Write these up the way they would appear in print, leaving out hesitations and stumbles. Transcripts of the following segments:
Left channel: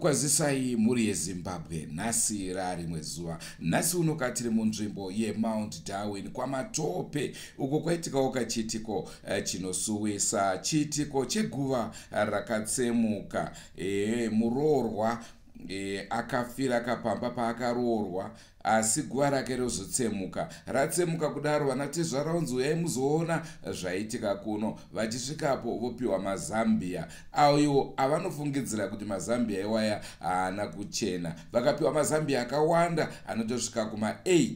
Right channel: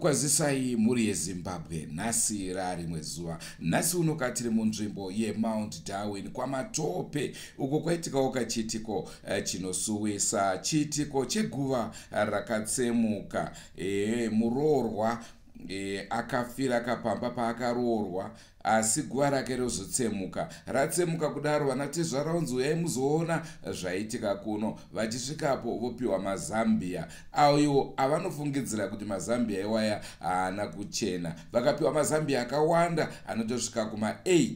Kwazisai muri yeZimbabwe nhasi rarimwe zuva. Nhasi uno katiri munzvimbo yeMount Darwin kwaMatope uko kwaitikawo kachitiko chinosuwisa chitiko cheguva rakatsemuka. Muroorwa akafira akapamba paakaroorwa asi guva rake rozotsemuka. Ratsemuka kudaro vanatezvaraunzi uyai muzoona zvaitika kuno. Vachisvikapo vopiwa mazambia ayo avanofungidzira kuti mazambia iwaya haana kuchena. Vakapiwa mazambia akawanda anotosvika kuma8.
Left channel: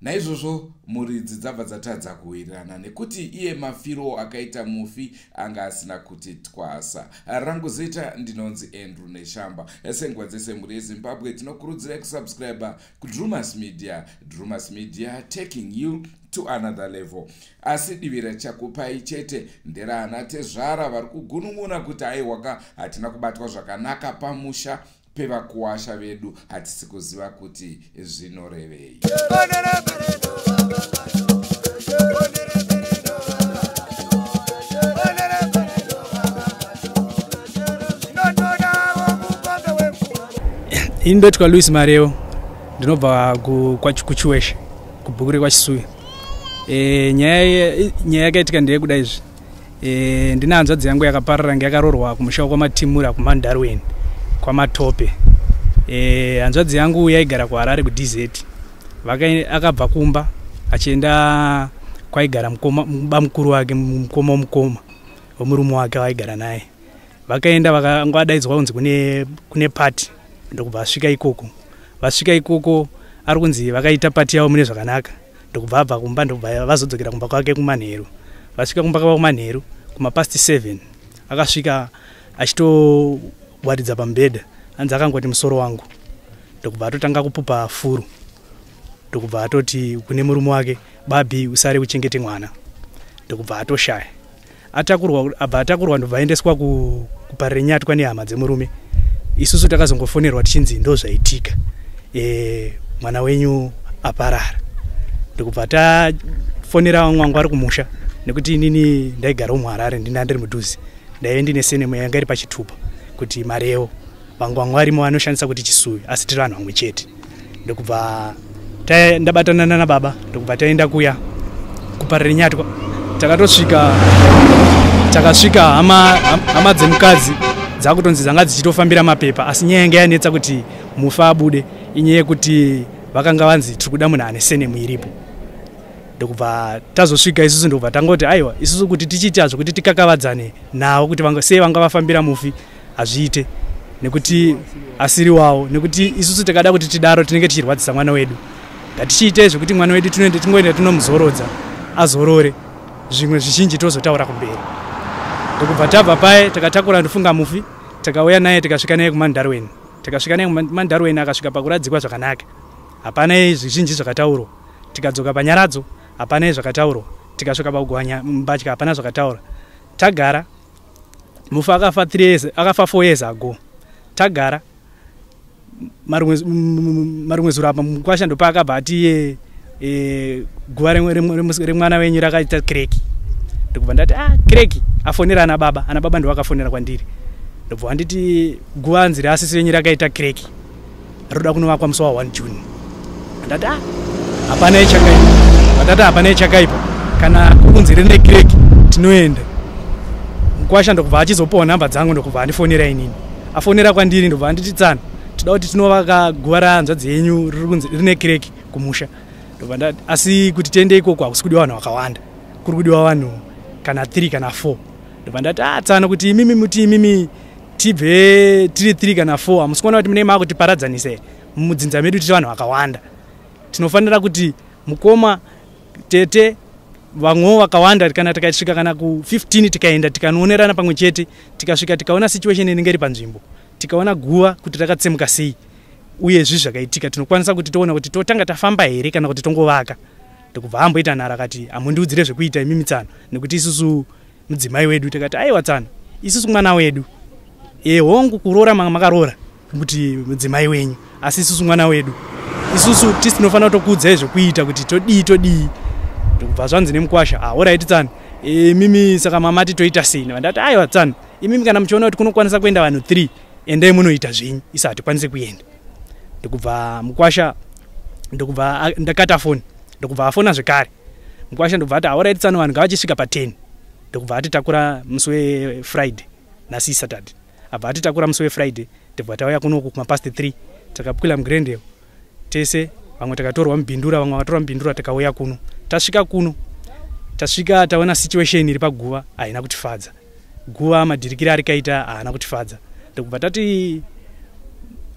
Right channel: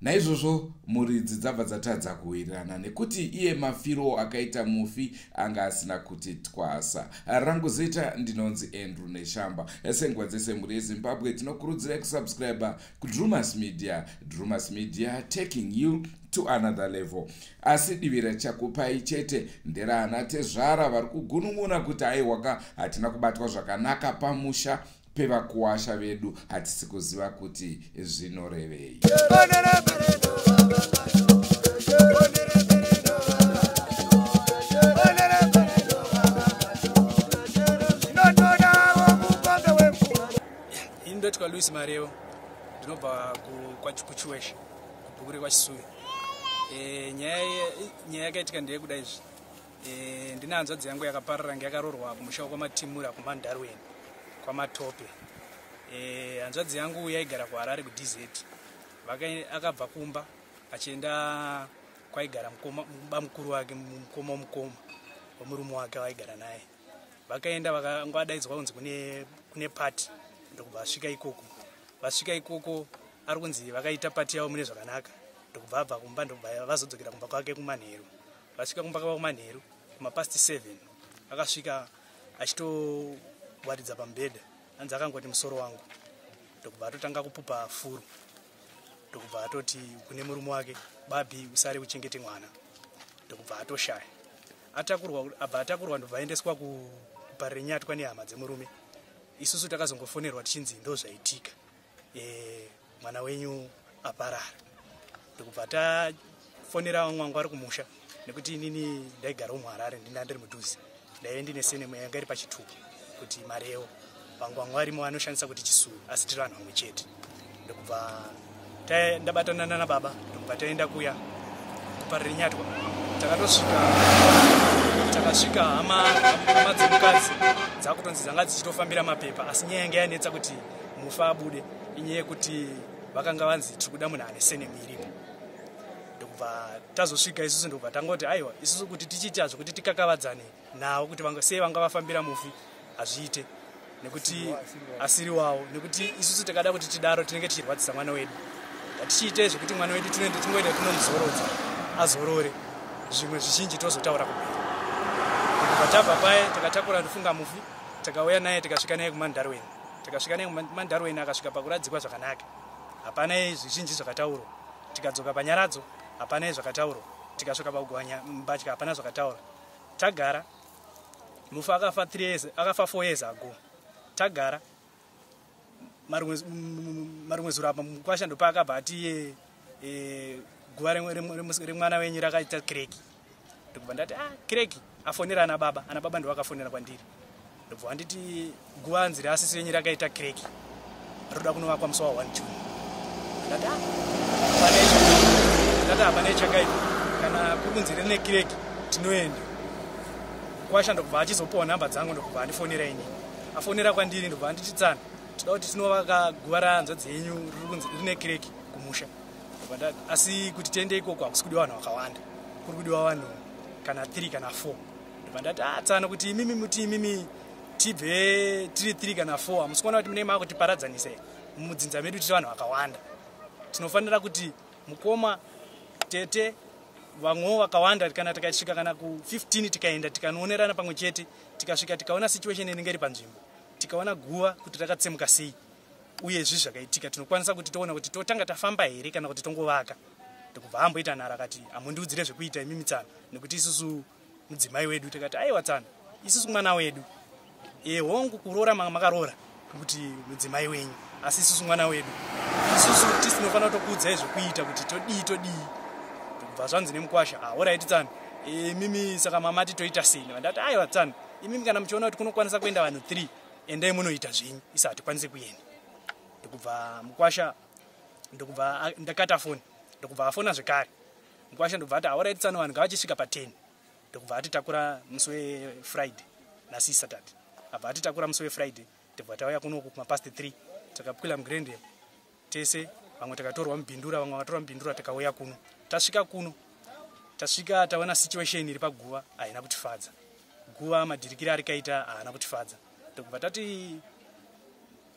Naizvozvo muridzi dzabva dzatadza kuwirirana nekuti iye mafiro akaita mufi anga asina kuti twasa. Rangu zita ndinonzi Andrew Neshamba. Senguva dzese muri yeZimbabwe tinokurudzirai kusubscribe kuDrumas Media. Drumas Media taking you to another level. Asi divira chakupai chete nderana tezvara vari kugunun'una kuti aiwaka hatina kubatwa zvakanaka pamusha pevakuwasha vedu hatisi kuziva kuti zvinorevei. Indotwa Louis Mareo ndinobva kuChiweshe kubhukure kwaChisuya. Nyaya yakaitika ndeyekuda izvi. Ndina hanzvadzi yangu yakaparara ngeyakaroorwa kumusha kwamatimura kuMandarweni kwaMatope. Hanzvadzi yangu yaigara kuHarare kuDZ. Akabva kumba achienda kwaigara bamukuru wake mukoma womurume wake waigara naye. Vakaenda vakangwadaidzwa kunzi kune pati ndokubva asvika ikoko. Vasvika ikoko ari kunzi vakaita pati yavo mune zvakanaka. Ndokubva abva kumba ndokubva vazodzokera kumba kwake kuManheru. Vasvika kumba kwake kuManheru kuma7:30 akasvika achitowaridza pamubhedha. Anzi akangoti musoro wangu. Ndokubva atotanga kupupa furu. Ndokubva atoti kune murume wake, babi usare uchengete mwana. Ndokubva atoshaya. Atakurwa ndobva aendeswa kuparire nyatwa nehama dzemurume. Isusu takazongofonerwa tichinzi ndo zvaitika. Mwana wenyu aparara. Ndokubva tafonera mwangu ari kumusha nekuti inini ndaigara muHarare ndiri mudhuze. Ndaive ndine senemo yanga iri pachitupa kuti Mareo vangu varimo vanoshandisa kuti Chisuya asi tiri vanhu vamwe chete. Ndokubva ndabatana nababa ndokubva taenda kuya kuparire nyatwa. Takasvika hama dzemukadzi dzakutonzi dzanga dzichitofambira mapepa asi nyaya yanga yanetsa kuti mufa abude inyaya yekuti vakanga vanzi tiri kuda munhu ane senemo iripo. Ndokubva tazosvika isusu ndokubva tangoti aiwa isusu kuti tichiitazvo kuti tikakavadzane nawo kuti sei vanga vafambira mufi hazviite nekuti asiri wawo nekuti isusu takada kuti tidaro tinenge tichirwadzisa mwana wedu. Ngatichiite zvokuti mwana wedu tingoenda tinomuzorodza azorore zvimwe zvizhinji tozotaura kumberi. Ndokubva tabva paye takatakura ndofunga mufi takauya naye tikasvika naye kuMandarweni. Takasvika naye kuMandarweni akasvika pakuradzikwa zvakanaka. Hapana zvizhinji zvakataurwa. Tikadzoka panyaradzo hapana zvakataurwa. Tikasvika pakugwanya mbatya hapana zvakataurwa. Tagara mufi akafa 4 years ago. Tagara marumwe zuro apa mukwasha ndopakabva ati guva remwana wenyu rakaita kireki. Ndokubva ndati kireki afonera ana baba ndo vakafonera kwandiri. Ndobva anditi guva anzi reasisi wenyu rakaita kireki roda kunovakwa musi wa1 June. Ndati hapana ichakaipa. Ndati hapana ichakaipa kana kunzi rine kireki tinoenda. Mukwasha ndokubva achizopawo nhamba dzangu ndokubva andifonera inini. Afonera kwandiri ndobva anditi tsana toda kuti tinovaka guva rahanzvadzi yenyu rine kireki kumusha. Ndobva ndati asi kuti tiende ikoko hakusi kudiwa vanhu vakawanda. Kuri kudiwa vanhu kana 3 kana 4. Ndobva ndati tsana kuti imimi tibve tiri 3 kana 4 hamusi kuona kuti mune makutiparadzanisa mudzinza medu tiri vanhu vakawanda. Tinofanira kuti mukoma, tete, vamwe vakawanda kana tikasvika kana ku15 tikaenda tikanonerana pamwe chete tikasvika tikaona situation inenge iri panzvimbo tikaona guva kuti rakatsemuka sei uye zvakaitika tinokwanisa kuti toona kuti totanga tafamba here kana kuti tongovaka ndokubva amboita nhara akati amundiudzire zvekuita imimi Tsana nekuti isusu mudzimai wedu tikati aiwa Tsana isusu mwana wedu hongu kuroora makarora kuti mudzimai wenyu asi isusu mwana wedu isusu tisi tinofanira kutokuudzai zvekuita kuti todii ndokubva zvanzi nemukwasha alright Tsana mimi saka mamati toita sei ndati aiwa Tsana imimi kana muchiona kuti kunokwanisa kuenda vanhu 3 endai munoita zvenyu isa hatikwanisi kuenda ndokubva mukwasha ndokubva ndakata foni ndokubva afona zvekare mukwasha ndobva ati alright Tsana vanhu ngavachisvika pa10 ndokubva atitakura musi weFriday nasi Saturday abva atitakura musi weFriday ndobva tauya kunoku kumapast 3 takakwila muGrendale tese vamwe takatorwa mubhindura vamwe vakatorwa mubhindura tikauya kuno tasvika taona situation iri paguva haina kutifadza guva madhirikiri arikaita haana kutifadza ndokubva tati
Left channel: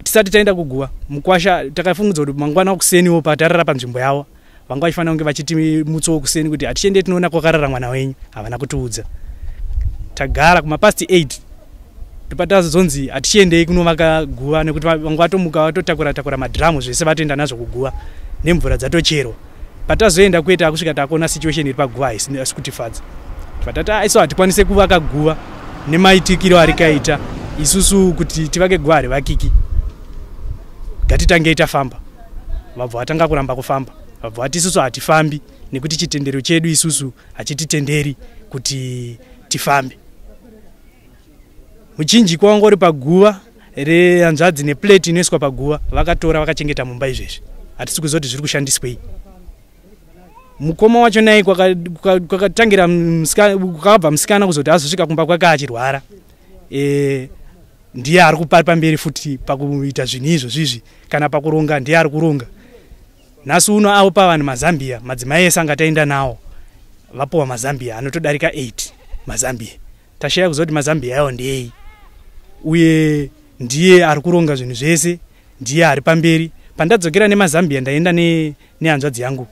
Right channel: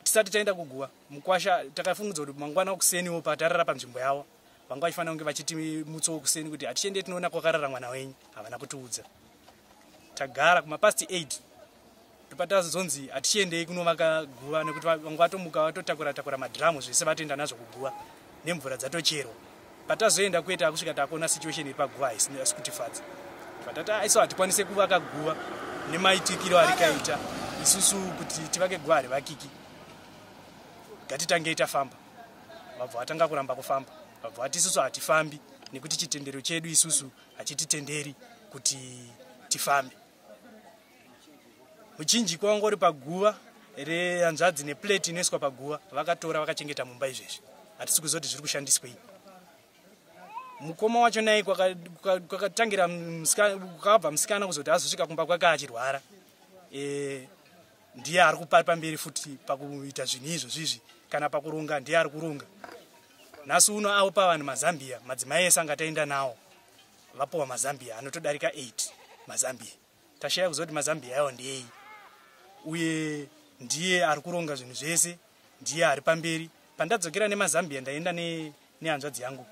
tisati taenda kuguva mukwasha takafungudza kuti mangwana kuseniwo patarara panzvimbo yavo vanga vachifanira kunge vachiti mutso kuseni kuti hatichende tinoona kwakarara mwana wenyu havana kutiudza tagara kumapast 8 ndopatazonzi hatichiendei kunovaka guva nekuti vanga vatomuka vatotakura madhiramu zvese vatoenda nazvo kuguva nemvura dzatocherwa patazoenda kuita kusvika takuona situation iri paguva haisi kutifadza patati aiso hatikwanise kuvaka guva nemaitikiro arikaita isusu kuti tivake guva harivakiki ngatitangei tafamba vabva vatanga kuramba kufamba vabva vati isusu hatifambi nekuti chitendero chedu isusu hachititenderi kuti tifambe muchinji kwangori paguva rehanzvadzi neplate inoiswa paguva vakatora vakachengeta mumba izvezvi hatisi kuzoti zviri kushandiswei mukoma wacho naye kwakatangira kwakabva musikana kuzoti azosvika kumba kwake achirwara ndiye ari pamberi futi pakuita zvinhu izvozvizvi kana pakuronga ndiye ari kuronga nhasi uno avo pavanhu mazambia madzimai ese angataenda nawo vapowa mazambia anotodarika 8 mazambia tashaya kuzoti mazambia yawo ndeyei uye ndiye ari kuronga zvinhu zvese ndiye ari pamberi pandadzokera nemazambia ndaenda nehanzvadzi yangu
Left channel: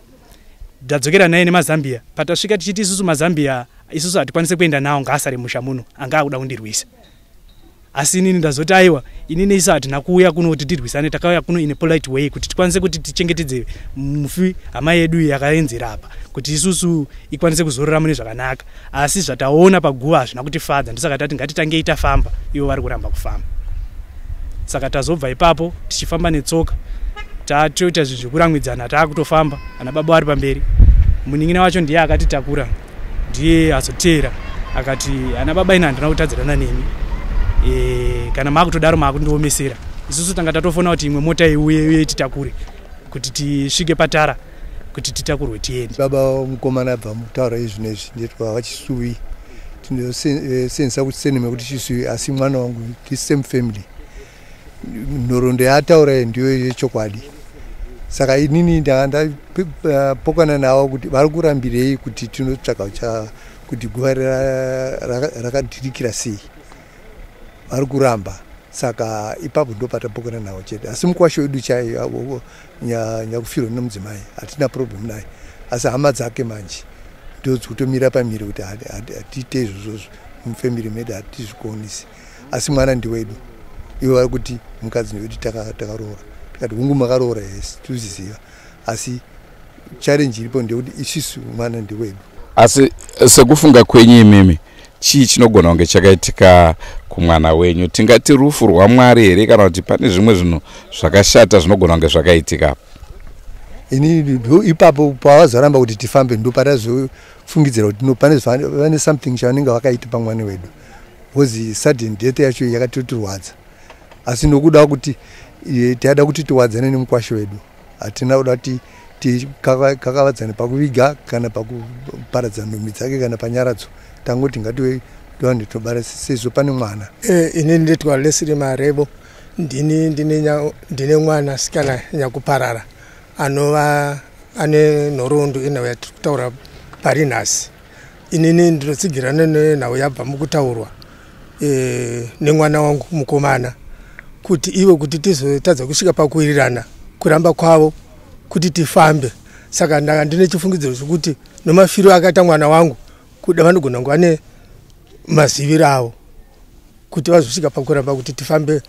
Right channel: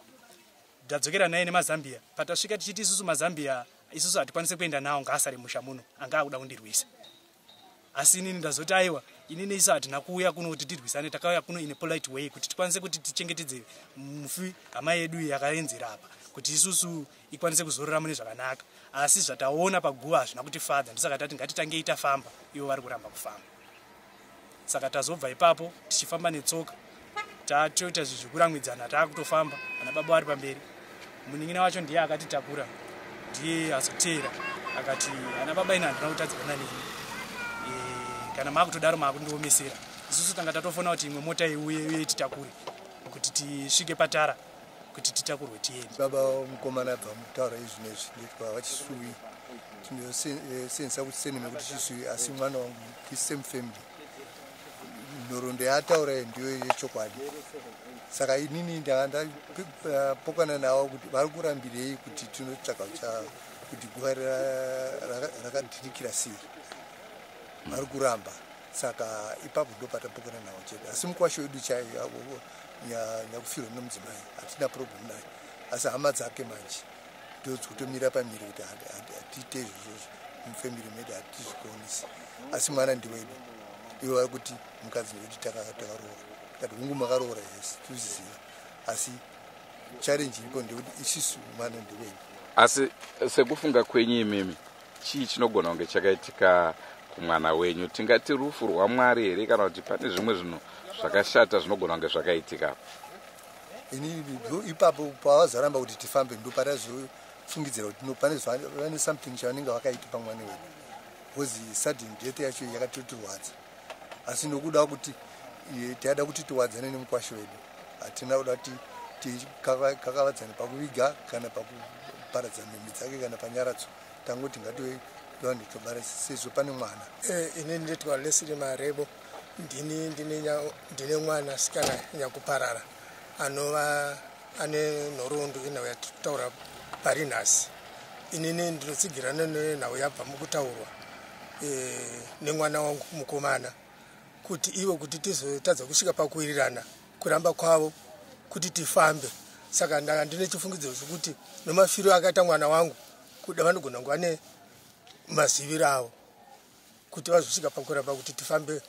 ndadzokera naye nemazambia patasvika tichiti isusu mazambia isusu hatikwanise kuenda nawo ngaasare musha muno anga akuda kundirwisa asi inini ndazoti aiwa inini isu hatina kuuya kuno kuti tirwisane takauya kuno in a polite way kuti tikwanise kuti tichengetedze mufi hama yedu yakaenzera apa kuti isusu ikwanise kuzorora mune zvakanaka asi zvataona paguva hazvina kutifadza ndosaka tati ngatitangei tafamba ivo vari kuramba kufamba saka tazobva ipapo tichifamba netsoka tatoita zvinhu zvekuramwidzana taakutofamba ana baba vari pamberi munin'ina wacho ndiye akatitakura ndiye azoteera akati ana baba ina handina kutadzirana neni kana maakutodaro maakundiomesera isusu tanga tatofona kuti imwe mota iuye titakure kuti tisvike patara kuti titakurwe tiende baba mukomana abva mutaura izvinezvi ndetwa vachisuvi tinosensa kuti seneme kuti chisuvi asi mwana wangu tisame family nhoroondo yaataura ndiyo yechokwadi saka inini ndapokana navo kuti vari kurambirei kuti tinotsvaka kuti guva rakadhirikira sei vari kuramba saka ipapo ndopatapokana navo chete asi mukwasha wedu chaiyo nyakufirwa nemudzimai hatina problem naye asi hama dzake manje ndodzikutomira pamiri kuti hatiite izvozvozvo mufamily medu hatizvikonisi asi mwana ndiwedu ivo vari kuti mukadzi wedu takaroora tikati hungu makaroora yes tozviziva asi challenge iripo ndekuti isusu mwana ndiwedu asi sekufunga kwenyu imimi chii chinogona kunge chakaitika kumwana wenyu tingati rufu rwaMwari here kana kuti pane zvimwe zvinhu zvakashata zvinogona kunge zvakaitika ini ipapo pavazaramba kuti tifambe ndopatazofungidzira kuti pane something chavanenge vakaita pamwana wedu because sudden death yacho yakatotirwadza asi nokuda kuti tiada kuti tiwadzane nemukwasha wedu hatina kuda kuti tikakavadzane pakuviga kana pakuparadza nhumbi dzake kana panyaradzo tangoti ngatiwe ndowande tobara sezvo pane mwana inini ndetwa Leslie Marebo ndine mwana sikana nyakuparara anova ane nhoroondo inhau yatitaura pari nhasi inini ndinotsigirana nenhau yabva mukutaurwa nemwana wangu mukomana kuti ivo kuti tizotadza kusvika pakuwirirana kuramba kwavo kuti tifambe saka ndanga ndine chifungidziro chokuti nomafiro akaita mwana wangu kuda vanogona kunge vane maziviro avo kuti vazosvika pakuramba kuti tifambe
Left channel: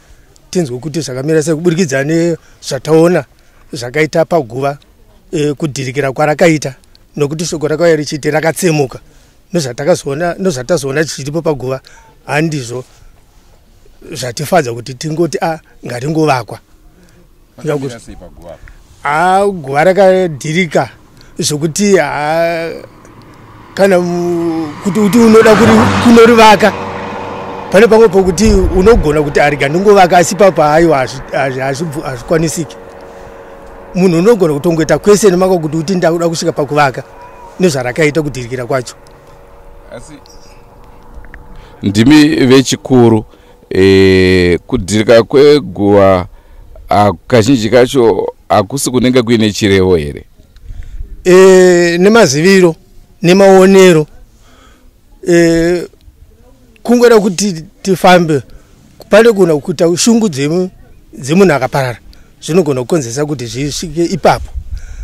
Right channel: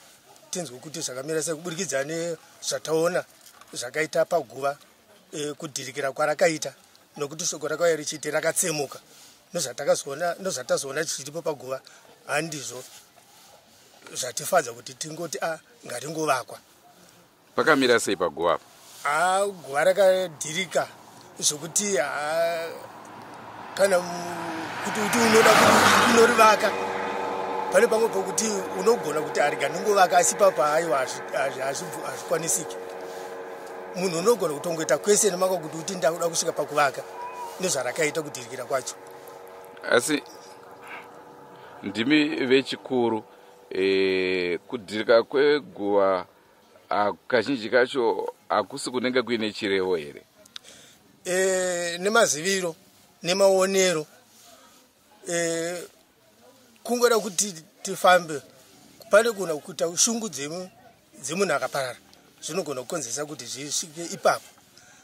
tinzwe kuti zvakamira sei kuburikidza nezvataona zvakaita paguva kudhirikira kwarakaita nokuti shoko rakauya richiti rakatsemuka nozvatazoona chichiripo paguva handizvo zvatifadza kuti tingoti ngaringovakwa. Pakamira sei paguva? Guva rakadhirika zvokuti kana kuti unoda kunorivaka pane pamwe pokuti unogona kuti ariga ndingovaka asi papa aiwa hazvikwanisiki. Munhu unogona kutongoita kwese nemako kuti uti ndakuda kusvika pakuvaka nezvarakaita kudhirikira kwacho. Asi ndimi vechikuru kudhirika kweguva kazhinji kacho hakusi kunenge kuine chirevo here? Nemaziviro nemaonero kungoda kuti tifambe pane kuna kuita shungu dzemunhu akaparara zvinogona kukonzesa kuti zvisvike ipapo.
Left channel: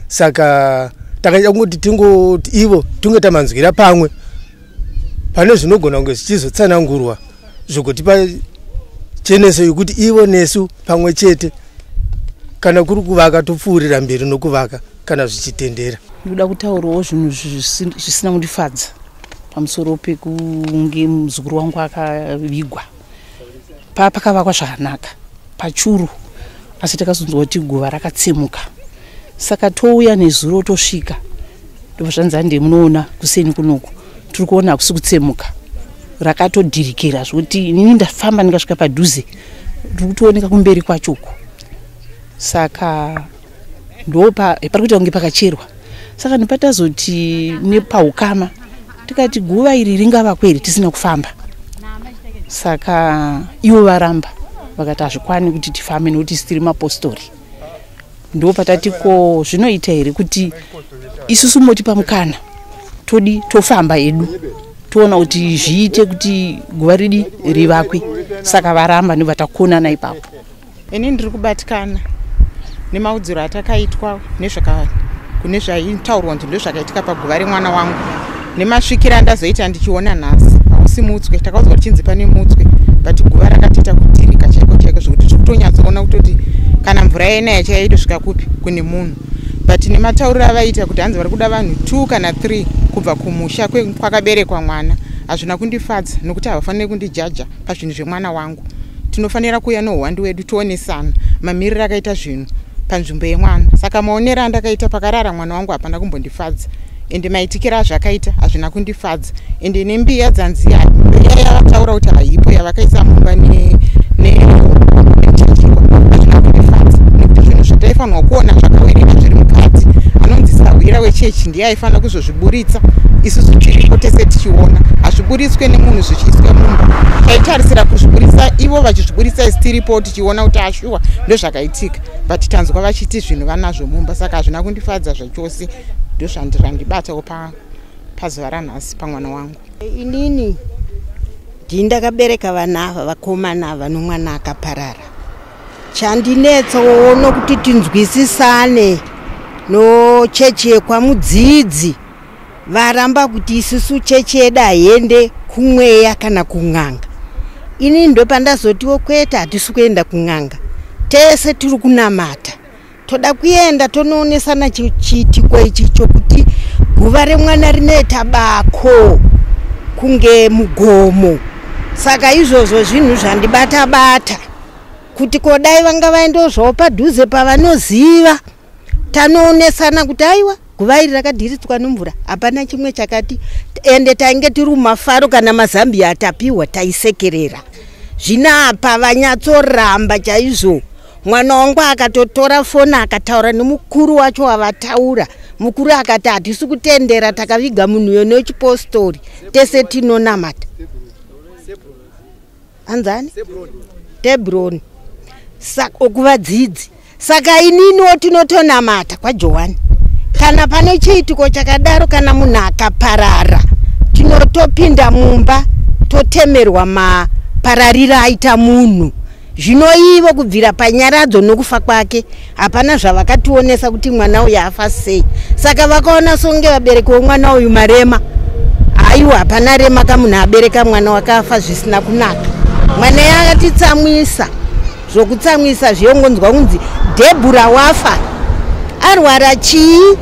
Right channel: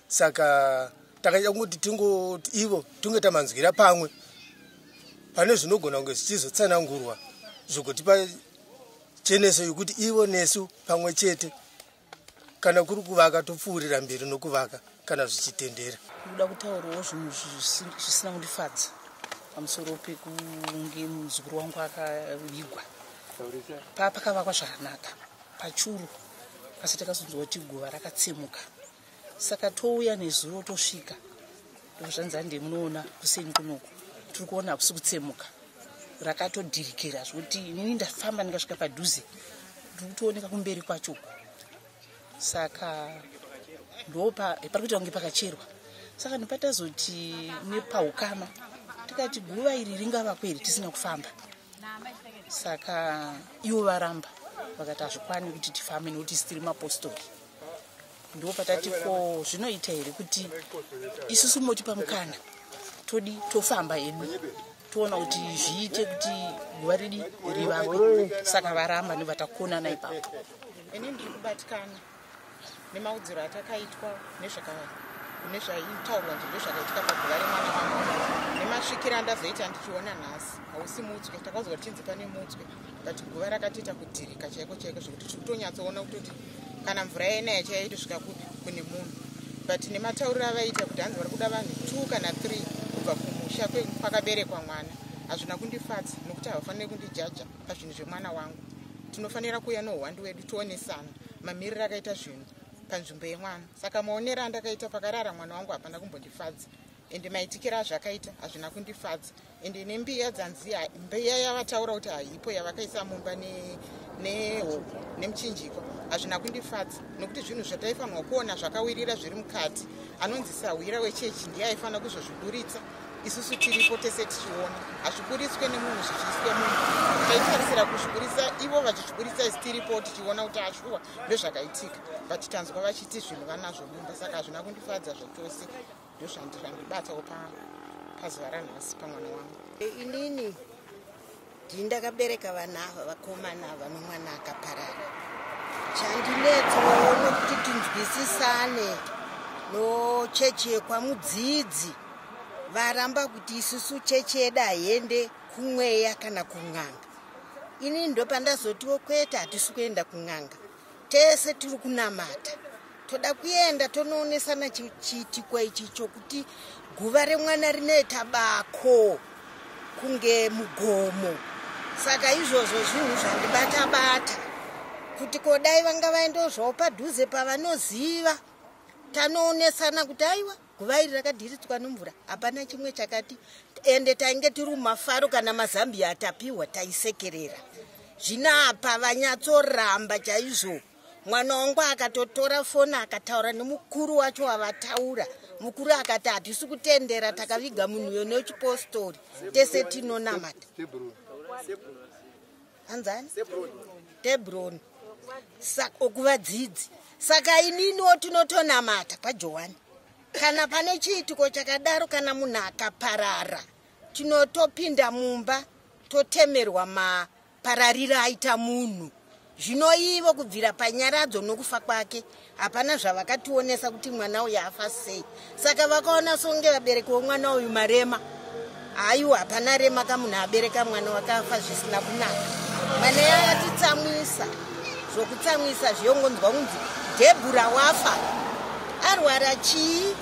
Saka takaita kuti tingoti ivo tingota manzwira pamwe pane zvinogona kunge zvichizotsanangurwa zvokutipa cheneso yekuti ivo nesu pamwe chete kana kuri kuvaka topfuurira mberi nokuvaka kana zvichitendera. Ndoda kutaurawo zvinhu zvisina kundifadza pamusoro pekunge muzukuru wangu akavigwa. Pakavakwa zvakanaka pachuru asi takazonzwa kuti guva rakatsemuka. Saka touya nezuro tosvika ndobva ndemunoona kuseni kunoku tiri kuona hakusi kutsemuka rakatodhirikira zvokuti inini ndafamba ndikasvika padhuze ndiri kutooneka kumberi kwachoko. Saka pari kuita kunge pakacherwa. Saka ndipatazoti nepaukama tikati guva iri ringavakwa here tisina kufamba. Saka ivo varamba vakati hazvikwani kuti tifambe nokuti tiri mapostori. Ndopatatiko zvinoita here kuti isusu motipa mukana tofamba edu toona kuti zviite kuti guva ridi rivakwe. Saka varamba ndobvatakonana ipapo. Ini ndiri kubatikana nemaudziro atakaitwa kune zvaitaurwa kuti ndozvakaitika paguva remwana wangu nemasvikiro andazoita ndichiona nhasi. Hausi mutswe, takaudzwa kuti chinzi pane mutswe but guva rakatoita kudhirika chaiko chaiko zvokuti tiri kutonyatsoona kutoti kana mvura yenaya chaitosvika kupi kune munhu. But nematauriro avaita kuti hanzi vari kuda vanhu 2 kana 3 kubva kumusha kwakaberekwa mwana hazvina kundifadza nokuti havafaniri kundijaja pazvinhu zvemwana wangu. Tinofanira kuuya nouhwando wedu tionesana mamiriro akaita zvinhu panzvimbo yemwana. Saka maonero andakaita pakarara mwana wangu hapana kumbondifadza ende maitikira azvakaita hazvina kundifadza ende nembiya dzanzi yavataura kuti haipo yavakaisa mumba nemchinjikwa hazvina kundifadza nekuti zvinhu zvataifanirwa kuona zvakawerera zviri mukati anonzi sahwira wechechi ndiye aifanira kuzozviburitsa. Isusu tiripo tese tichiona hazviburitswe nemunhu zvichiiswa mumba. Taitarisira kuzviburitsa ivo vachizviburitsa isi tiripo tichiona kuti ashuwa ndozvakaitika but tanzwa vachiti zvinhu vanazvo mumba. Saka hazvina kundifadza zvachose. Ndozvandibatawo pazuva ranhasi pamwana wangu. Inini ndindakabereka vana ava vakomana ava nomwana akaparara. Chandinetsawo nokuti tinzwisisane nochechi yekwamudzidzi varamba kuti isusu chechi yedu haende kumweya kana kun'anga. Ini ndopandazotiwo kwete hatisi kuenda kun'anga tese tiri kunamata. Toda kuenda tonoonesana chiitiko ichi chokuti guva remwana rinoita bako kunge mugomo. Saka izvozvo zvinhu zvandibata kuti kodai vanga vaendozvawo padhuze pavanoziva tanoonesana kuti aiwa guva iri rakadhiritswa nemvura hapana chimwe chakati ende tainge tiri mumafaro kana mazambia atapiwa taisekerera. Zvinapa vanyatsoramba chaizvo. Mwana wangu akatotora foni akataura nemukuru wacho wavataura. Mukuru akati hatisi kutendera takaviga munhu yone wechipostori tese tinonamata. Anzani? Debroni. Saka okuvadzidzi. Saka ininiwo tinotonamata kwaJohani. Kana pane chiitiko chakadaro kana munhu akaparara tinotopinda mumba totemerwa mapararira aita munhu. zvino ivo kubvira panyaradzo nokufa kwake hapana zvavakationesa kuti mwana uyu afa sei. Saka vakaona songe vabereki vomwana uyu marema. Aiwa hapana rema kamunhu abereka mwana wakafa zvisina kunaka. Mwana yakatitsamwisa zvokutsamwisa zviyongonzwa kunzi Debura wafa arwara chii,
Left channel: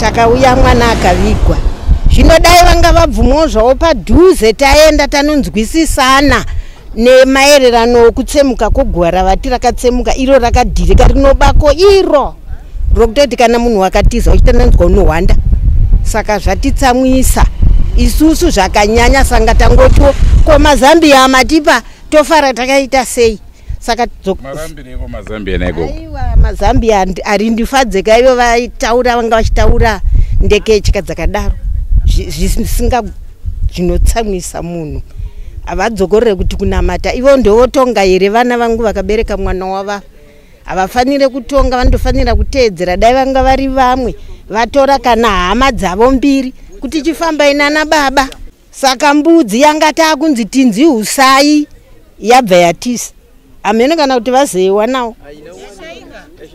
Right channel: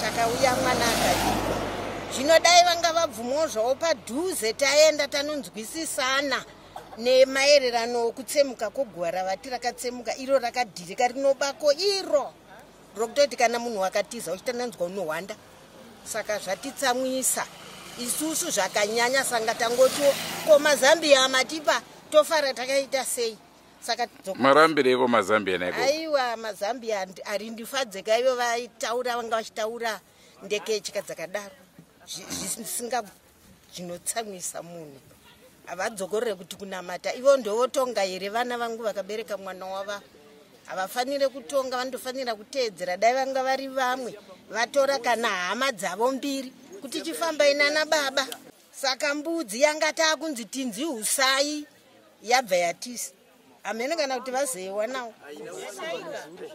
takauya mwana akavigwa. Zvino dai vanga vabvumawo zvavo padhuze taenda tanonzwisisana nemaererano okutsemuka kogwara ravati rakatsemuka iro rakadhirika rinobako iro rokutoti kana munhu wakatiza uchitananzwa unohwanda. Saka zvatitsamwisa isusu zvakanyanya sanga tangoto kwamazambia amatipa tofara takaita sei. Saka marambireko mazambia naiko aiwa mazambia arindifadzeka ivo vaitaura vanga vachitaura ndekechika dzakadaro zvisinga zvinotsamwisa munhu. Havadzokorere kuti kunamata ivo ndovotonga here vana vangu vakabereka mwana wava. Havafanire kutonga, vandofanira kuteedzera. Dai vanga vari vamwe vatora kana hama dzavo mbiri kuti chifamba inana baba. Saka mbudzi yanga takunzi tinzi usai yabva yatisa. Amene kana kuti vazewa nawo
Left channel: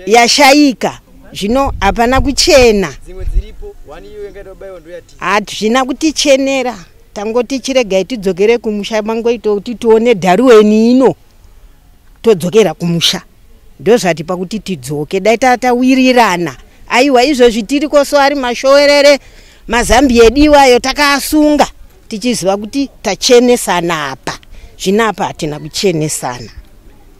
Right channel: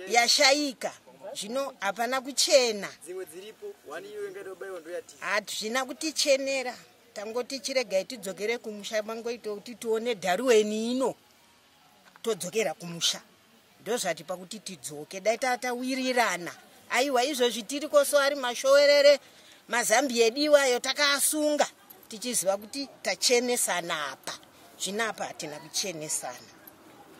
yashaika. Zvino hapana kuchena. Hazvina kutichenera. Tangoti chiregai tidzokere kumusha mangoita kuti tione dharuweni ino todzokera kumusha. Ndozvati pakuti tidzoke dai tatawirirana. Aiwa izvozvi tiri koso ari mashowerere mazambia ediwayo takaasunga tichiziva kuti tachenesana apa. Zvino apa hatina kuchenesana.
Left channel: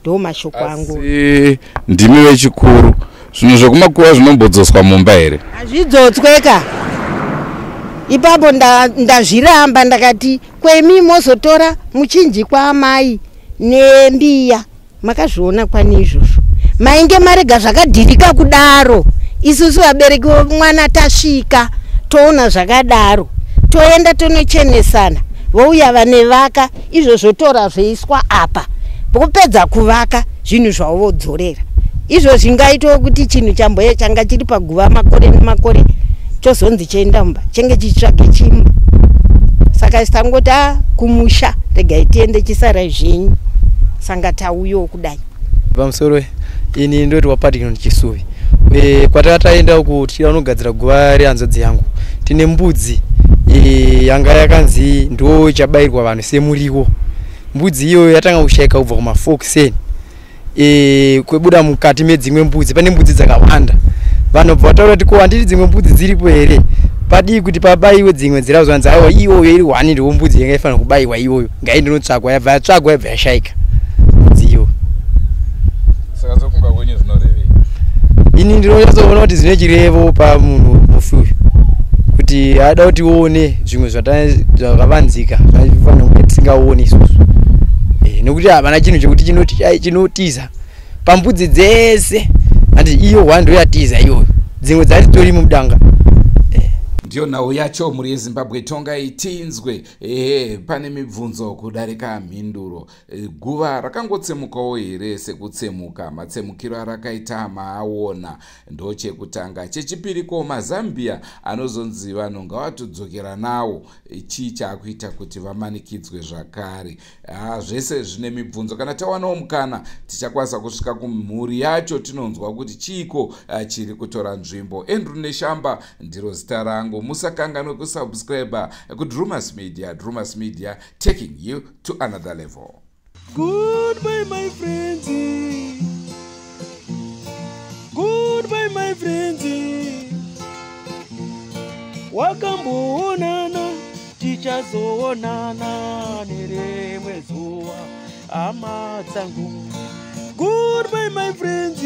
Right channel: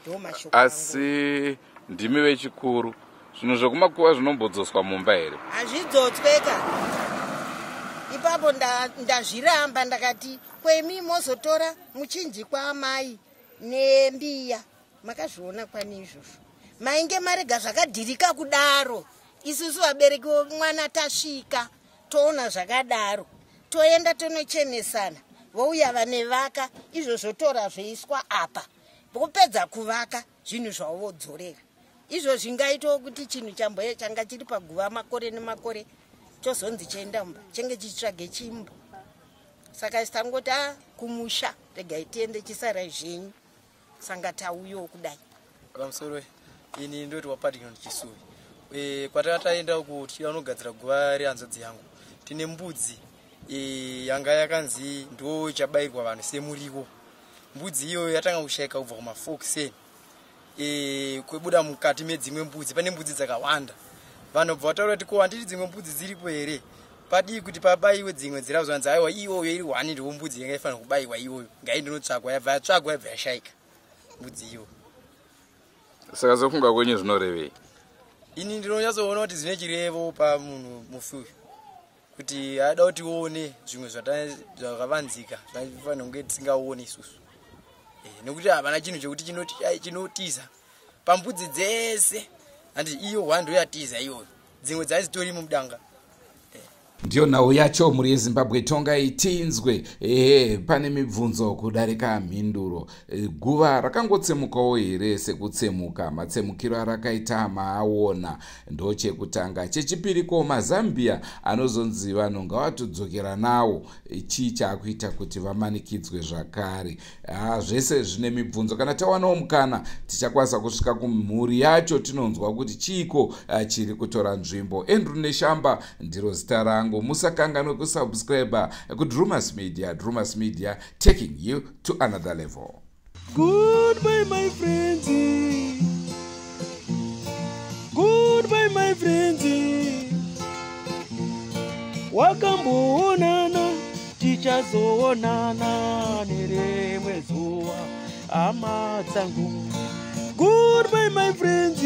Ndo mashoko angu. Asi ndimi vechikuru. Zvinhu zvekumakuva zvinombodzoswa mumba here? Hazvidzotsweka. Ipapo ndazviramba ndakati kwemi mozotora muchinji kwaamai nembiya. Makazviona kwani izvozvo. Mainge marega zvakadhirika kudaro. Isusu vabereki vomwana tasvika toona zvakadaro. Toenda tonochenesana. Vouya vane vaka izvozvo tora zveiswa apa. Pokupedza kuvaka zvinhu zvavo vodzorera. Izvo zvingaitwa kuti chinhu chamboye changa chiri paguva makore nemakore chozonzi chienda mumba chenge chitsvage chimba. Saka tangoti kumusha regai tiende chisara zvenyu. Sanga tauyo kudai. Pamusoro ini ndoti wapatikana Chisuvi. Kwatataenda uku tichida kunogadzira guva rehanzvadzi yangu. Tine mbudzi yanga yakanzi ndo chabairwa vanhu semuriwo. Mbudzi iyo yatanga kushaika kubva kumafolkseni. Kwebuda mukati medzimwe mbudzi pane mbudzi dzakawanda. Vanhu vataura kuti ko handiti dzimwe mbudzi dziripo here. Padii kuti pabaiwe dzimwe dzirazvanzi aiwa iyoyo iri wani ndiwo mbudzi yanga ifanira kubaiwa iyoyo. Ngai ndinotsvagwa yabva yatsvagwa yabva yashaika. Mbudzi iyo. Saka zokunga kwenye zvinorevei? Ini ndinonyatsoona kuti zvine chirevo pamunhu mufuyu. Kuti ada kuti uone zvimwe zvakavanzika zvinofanira kunge tisingaoni isusu. Nekuti havana chinhu chekuti chinotiza pambudzi dzese. Andi iyo hwando yatiza iyoyo. Dzimwe dzachitori mudanga. Ndiyo nhau yacho muri yeZimbabwe tonga itinzwe. Pane mibvunzo kudarika mhinduro. Guva rakangotsemukawo here sekutsemuka? Matsemukiro arakaita maaona ndochekutanga. Chechipiri ko mazambia anozonzi vanhu ngavatodzokera nawo. Chii chaakuita kuti vamanikidzwe zvakare? Zvese zvine mibvunzo. Kana tawanawo mukana tichakwanisa kusvika kumhuri yacho tinonzwa kuti chiiko chiri kutora nzvimbo. Andrew Neshamba ndiro zita rangu. Musakanganwe kusubscribe kuDrumas Media. Drumas Media, taking you to another level. Goodbye my friends. Goodbye my friends. Wakamboonana tichazoonana nerimwe zuva hama dzangu. Goodbye my friends.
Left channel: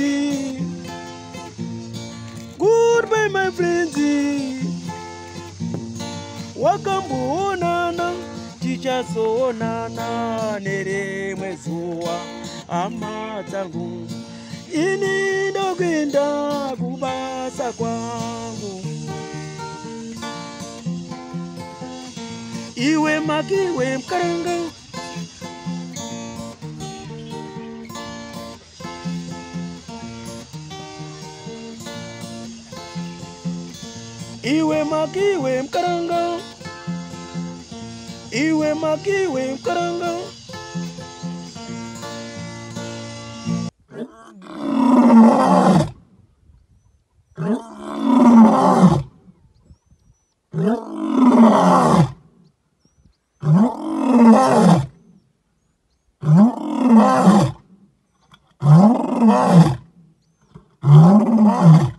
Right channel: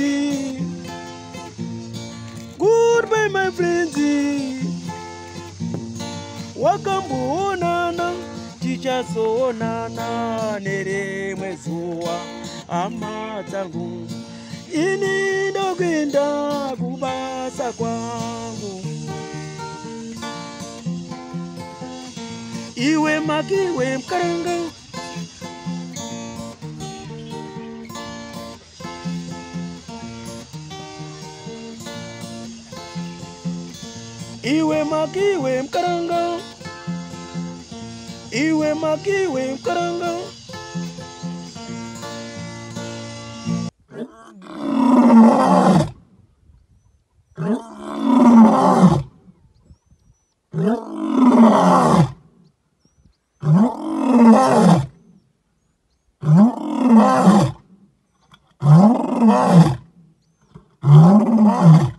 Goodbye my friends. Wakamboonana tichazoonana nerimwe zuva hama dzangu. Ini ndokuenda kubasa kwangu. Iwe makiwe mkaranga. Iwe makiwe mkaranga. Iwe makiwe mkaranga. Thank you.